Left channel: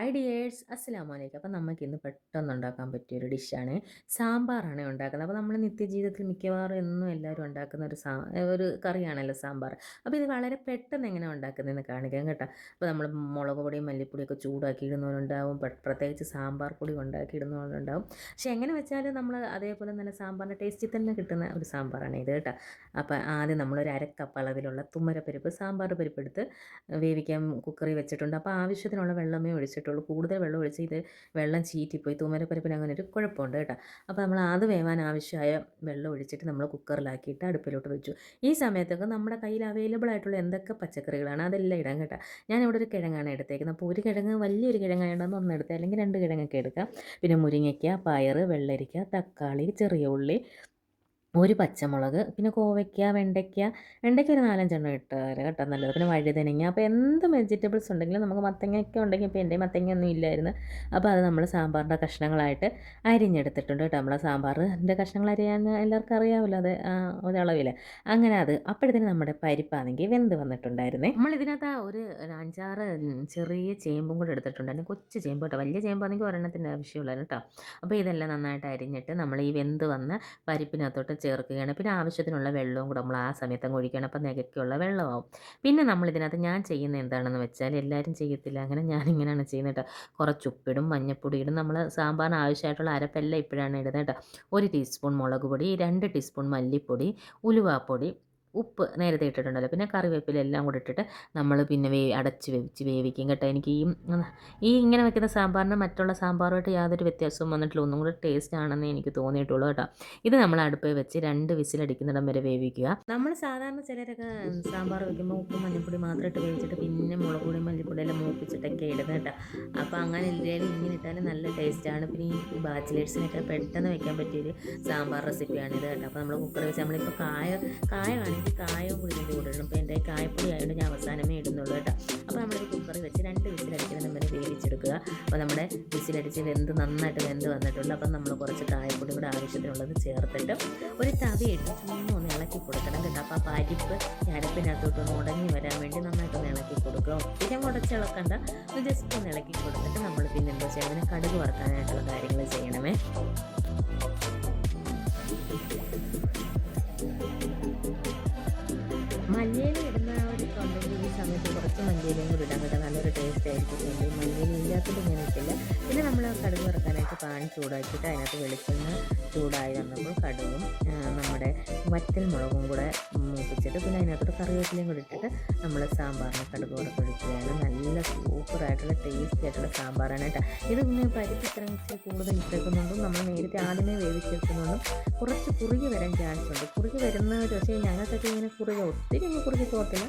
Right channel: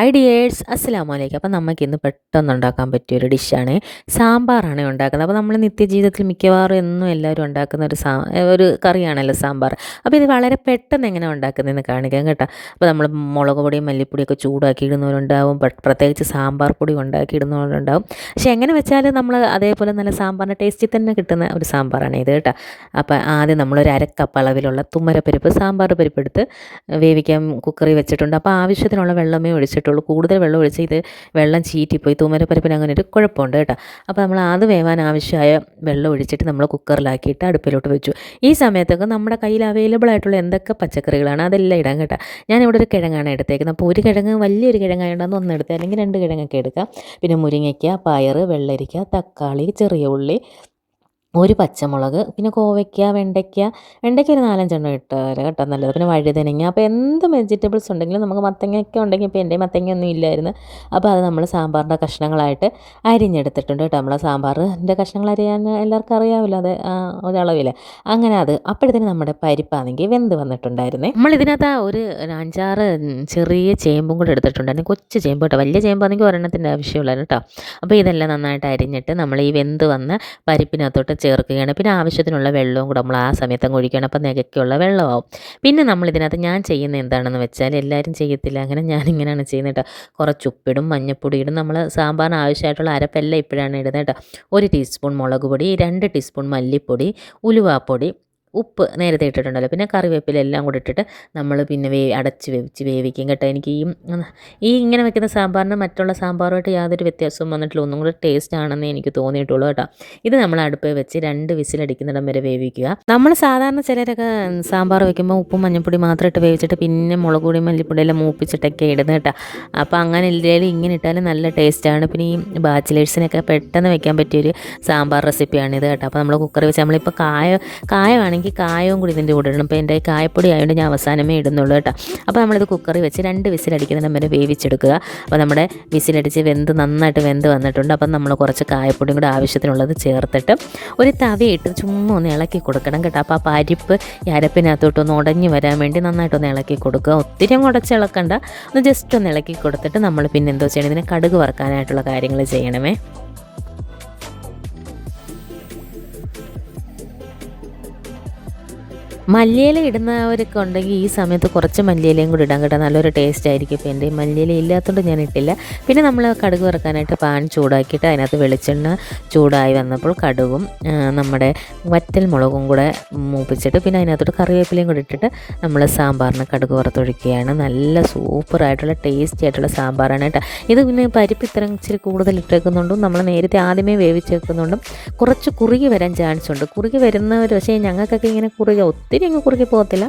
Hi dears അസ്സലാമു അലൈക്കും അപ്പോൾ നമുക്ക് ഇന്ന് പെട്ടെന്ന് ഉണ്ടാക്കാൻ പറ്റിയ ഒരു ഡിഷാണ് സാമ്പാറാണ് ഉണ്ടാക്കുന്നത്. അപ്പോൾ നമ്മൾ നിത്യജീവിതത്തിൽ മിക്കവാറും എന്നും എല്ലാവരും ഉണ്ടാക്കുന്ന ഒരു സാ ഒരു കറിയാണല്ലോ സാമ്പാർ. അപ്പോൾ ഇത് വളരെ പെട്ടെന്ന് എങ്ങനെ ഉണ്ടാക്കുന്നതെന്ന് കാണിക്കാം കേട്ടോ. അപ്പോൾ നമ്മൾ മുളക് പൊടിയും മല്ലിപ്പൊടിയൊക്കെ ചൂടാക്കി ഇടുന്നവരുണ്ടാവും പ്രത്യേകിച്ച് സാമ്പാർ പൊടി ഉണ്ടാക്കി ഇടുന്നവരുണ്ടാവും പക്ഷേ എങ്ങനെ വെച്ചാലും നമ്മൾ അതേപോലെ നല്ല സാമ്പാറിന്റെ ടേസ്റ്റിൽ തന്നെ കിട്ടുന്ന ഒരു സാമ്പാറാണ് ഇത് കേട്ടോ. അപ്പോൾ ആദ്യം നമ്മളൊരു അരക്കപ്പ് അളവിലുള്ള തുമ്മരപ്പരിപ്പ് സാമ്പാർ പരിപ്പ് എടുത്ത് വേവിക്കാൻ കുക്കറി വെച്ചിട്ടുണ്ട്. അപ്പോൾ ആവശ്യത്തിനുള്ള വെള്ളമേ ഒഴിച്ചിട്ടുള്ളൂ കൂടുതൽ വെള്ളം ഒഴിച്ച് ഇത് വെള്ളം ചീറ്റിപ്പോയി തൂമരപ്പരപ്പിന് അങ്ങനെ ഒരു കുഴപ്പമുണ്ട് കേട്ടോ. അപ്പോൾ നമ്മൾ അത് വേവാൻ ആവശ്യമായ വെള്ളം ഒഴിച്ചിട്ട് നമ്മൾ കുക്കറിലാക്കിയിട്ട് അടുപ്പിലോട്ട് വെച്ചു. ഈ സമയത്തൊക്കെ നമ്മുടെ കയ്യിൽ അവൈലബിൾ ആയിട്ടുള്ള എന്തൊക്കെ പച്ചക്കറികളാണ് അതെല്ലാം ഇടാൻ കേട്ടോ. ഞാനിവിടെ ഒരു കിഴങ്ങാണ് എടുത്തേക്കുന്നത്. അപ്പോൾ ഒരു കിഴങ്ങ് വലിയൊരു കിഴങ്ങായതുകൊണ്ട് ഒന്ന് എടുത്ത് അല്ലെങ്കിൽ രണ്ട് കിഴങ്ങൊക്കെ എടുക്കാം. പിന്നെ മുരിങ്ങയ്ക്ക പയർ വെള്ളരിക്ക തക്കാളി ചെറിയ ഉള്ളി ഒരു പച്ചമുളക് പിന്നെ കോവയ്ക്ക വെണ്ടയ്ക്ക വെണ്ടയ്ക്ക ഒരു നാലഞ്ചെണ്ണം ഇട്ടാൽ കേട്ടോ നല്ലത്. പിന്നെ വഴുതനങ്ങ. അപ്പോൾ എന്ത് വെജിറ്റബിൾസ് ഉണ്ടെങ്കിലും നമുക്ക് മത്തങ്ങയൊക്കെ ഉണ്ടെങ്കിൽ ഇപ്പോൾ എന്റെ മത്തങ്ങയൊന്നും ഇല്ലായിരുന്നു. അപ്പോൾ അത് നമ്മൾ സാമ്പാറിന്റെ കഷ്ണങ്ങളായിട്ട് അരിഞ്ഞെടുത്തിട്ടുണ്ട് കേട്ടോ. നമ്മളെ സാമ്പാറിന്റെ കഷ്ണങ്ങൾ അരിയാൻ എല്ലാവർക്കും അറിയാവില്ല അത് ഒരളവിൽ അങ്ങനെ അത് അപ്പോഴത്തേന് നമ്മുടെ പരിപ്പാണെങ്കിൽ വെന്ത് വന്നിട്ടുണ്ടായിരുന്നേ. നമ്മൾ ഇതിനകത്ത് ഒരു അഞ്ചാറ് ചെറിയ ചേമ്പും കൂടെ എടുത്തിട്ടുണ്ടായിരുന്നു. കൊച്ചു ചേമ്പ് കേട്ടോ. വലിയ ചേമ്പാണെങ്കിൽ ഒരെണ്ണത്തിന്റെ ആവശ്യമുള്ളൂ കേട്ടോ. അപ്പോൾ ഇതെല്ലാം നന്നായിട്ട് അരിഞ്ഞിട്ട് നമ്മൾ ഈ വെന്ത് വന്ന് പരിപ്പിനകത്തോട്ട് ചേർക്കുകയാണ്. പിന്നെ ആവശ്യത്തിനുള്ള വെള്ളവും കൂടെ നമ്മൾ ആ സമയത്ത് അങ്ങ് ഒഴിക്കുകയാണ്. അപ്പോൾ നികയ്ക്കുള്ള വെള്ളമാവും. പിന്നെ നമ്മൾ ഇതിനകത്ത് ഞാൻ ചെയ്യുന്ന എന്താണെന്ന് വെച്ചാൽ എല്ലാവരും ചെയ്യത്തില്ല. അങ്ങനെ ഞാൻ ഇങ്ങനെയാണ് ചെയ്യുന്നത് കേട്ടോ. കുറച്ച് ഉപ്പിടും മഞ്ഞപ്പൊടി ഇടും. നമ്മൾ സാമ്പാറിന് ആവശ്യമായിട്ടുള്ള അരപ്പെല്ലാം ഇപ്പോഴാണ് ഇടുന്നത് കേട്ടോ. ഒരു ടീസ്പൂൺ മുളക് പൊടി രണ്ട് ടീസ്പൂൺ മല്ലിപ്പൊടി ഉലുവാപ്പൊടി ഉപ്പ് നേരത്തെ ഇട്ടിട്ടുണ്ടല്ലോ. പിന്നെ കറിവേപ്പില എല്ലാം കൂടി ഇട്ടിട്ട് നമ്മൾ പിന്നെ വേ അടച്ച് വേവിച്ച് വേവിക്കും കേട്ടോ. എനിക്ക് ഈ ഈ ഇങ്ങനെ വെക്കുന്ന സാമ്പാറിന് മറ്റുള്ള സാമ്പാറുമായിട്ട് യാതൊരു വ്യത്യാസവും വന്നിട്ടില്ല. ഒന്നും കൂടെ ടേസ്റ്റ് ആണെന്ന് എനിക്ക് തോന്നിയിട്ടുള്ളൂ കേട്ടോ. ഇത് നമ്മൾ അടുപ്പിൽ വെച്ച് രണ്ട് വിസിലടിക്കുന്നിടം വരെ വേവിക്കുക. നമ്മൾ സാധാരണ ചിലരൊക്കെ സാമ്പാർ വെക്കുമ്പോൾ ഉപ്പും മഞ്ഞൾപ്പൊടി മാത്രം ഇട്ട് വേവിച്ചിട്ട് പിന്നെ മുളക് പൊടി മല്ലിപ്പൊടി എല്ലാം മൂപ്പിച്ചിട്ടൊക്കെ ഇടുന്നത് കേട്ടോ. അപ്പോൾ അങ്ങനെ ഇല്ലെങ്കിലും ഇങ്ങനെ ഇട്ടാലും നല്ല ടേസ്റ്റാണ് പിന്നെ ഈ ബാച്ചിലേഴ്സിനൊക്കെ പെട്ടെന്ന് വെക്കാൻ പറ്റിയൊരു സാമ്പാർ റെസിപ്പിയാണിത് കേട്ടോ. അപ്പോൾ നമ്മൾ കുക്കറിൽ വെച്ച് നമ്മളിപ്പോൾ കായ കായമാണെങ്കിൽ കായവും കൂടി ഇതിന്റെ കൂടെ ഇടണം. അപ്പോൾ എന്റെ കായപ്പൊടി ആയതുകൊണ്ട് ഞാൻ അവസാനമേ ഇടുന്നുള്ളൂ കേട്ടോ. അപ്പോൾ നമ്മളിത് കുക്കറിൽ വെച്ച് രണ്ട് വിസിലടിക്കുന്നതിന് വരെ വേവിച്ചെടുക്കുക. അപ്പോൾ നമ്മുടെ വിസിലടിച്ച് വെന്ത് നന്നായിട്ട് വെന്ത് വന്നിട്ടുണ്ട്. അപ്പം നമ്മൾ കുറച്ച് കായപ്പൊടിയും കൂടെ ആവശ്യത്തിനുള്ളത് ചേർത്തിട്ട് ഒരു തവിയിട്ട് ചുമ്മാ ഒന്ന് ഇളക്കി കൊടുക്കണം കേട്ടോ. അപ്പോൾ ആ പരിപ്പ് അരപ്പിനകത്തോട്ടൊന്ന് ഉടഞ്ഞു വരാൻ വേണ്ടി നന്നായിട്ടൊന്ന് ഇളക്കി കൊടുക്കുക. ഒത്തിരി ഉടച്ച് ഇളക്കണ്ട. ഒന്ന് ജസ്റ്റ് ഒന്ന് ഇളക്കി കൊടുത്തിട്ട് നമ്മൾ പിന്നെ എന്തോ ചെയ്യണം? ഇതിനെ കടുക് വറുക്കാനായിട്ടുള്ള കാര്യങ്ങൾ ചെയ്യണമേ. മല്ലിയില ഇടുന്നവരൊക്കെ ഉണ്ടെങ്കിൽ ഈ സമയത്ത് കുറച്ച് മല്ലിയിലയും കൂടി ഇടാൻ കേട്ടോ. നല്ലൊരു ടേസ്റ്റ് ആയിരിക്കും ഇപ്പോൾ എന്റെ. മല്ലിയില ഇല്ലാത്തതുകൊണ്ട് ഞാൻ ഇട്ടില്ല. പിന്നെ നമ്മൾ കടുക് വറുക്കാനായിട്ട് പാൻ ചൂടാക്കിയിട്ട് അതിനകത്ത് വെളിച്ചെണ്ണ ചൂടായി വന്നപ്പോൾ കടുകും നമ്മുടെ വറ്റൽ മുളകും കൂടെ മൂപ്പിച്ചിട്ട് പിന്നെ അതിനകത്തോട്ട് കറിവേപ്പിലയും കൂടി ഇട്ടിട്ട് നമ്മൾ സാമ്പാറിന് കടുക് വറുത്തൊഴിക്കുകയാണ്. നല്ല സൂപ്പറായിട്ടുള്ള ടേസ്റ്റി ആയിട്ടുള്ള സാമ്പാറാണ് കേട്ടോ. ഇത് പിന്നെ പരിപ്പ് ഇത്രയും ഇച്ചിരി കൂടുതൽ ഇട്ടേക്കുന്നുണ്ടും നമ്മൾ നേരത്തെ ആദ്യമേ വേവിച്ചേക്കുന്നുണ്ടും കുറച്ച് കുറുകി വരാൻ ചാൻസ് ഉണ്ട്. കുറുകി വരുന്നവർ പക്ഷേ ഞങ്ങൾക്കൊക്കെ ഇങ്ങനെ കുറുകി ഒത്തിരി അങ്ങ് കുറുകി പോകത്തില്ല.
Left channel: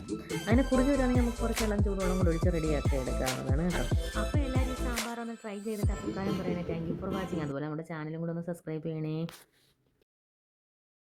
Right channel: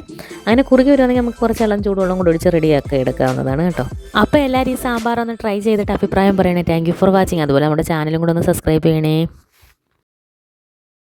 അങ്ങനെ കുറുകി വരുവാണെങ്കിൽ നമുക്ക് കുറച്ച് ഇളം ചൂടുവെള്ളം കൂടി ഒഴിച്ച് റെഡിയാക്കി എടുക്കാവുന്നതാണ് കേട്ടോ. അപ്പോൾ എല്ലാവരും ഈ സാമ്പാർ ഒന്ന് ട്രൈ ചെയ്തിട്ട് അഭിപ്രായം പറയണേ. താങ്ക് ഫോർ വാച്ചിങ് അതുപോലെ നമ്മുടെ ചാനലും കൂടെ ഒന്ന് സബ്സ്ക്രൈബ് ചെയ്യണേ.